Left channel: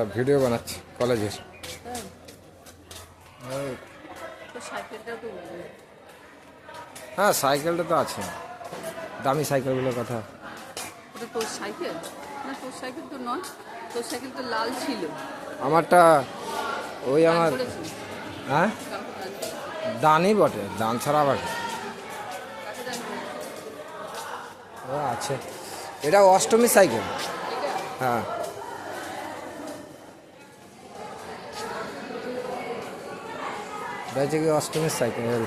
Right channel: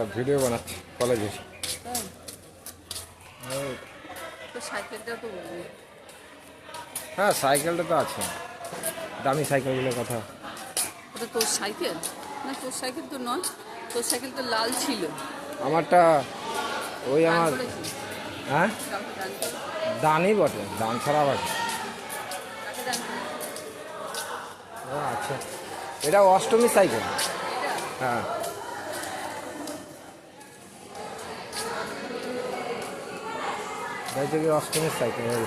একটা ভিডিও বানাচ্ছি কলেজের। হ্যাঁ সাইকেলটা তো আছে, দামি সাইকেলগুলোর কথা। ওটা তোর সাইকেল? না তোর সাইকেল তো নয়, তোর সাইকেল তো লাল ছিল। আমারটা ওই আমার, হ্যাঁ দানই বটে, দান ছাড়া আবার ও আছে। এটা অষ্টমী সাইকেল। হ্যাঁ কি অষ্টমী সাইকেল।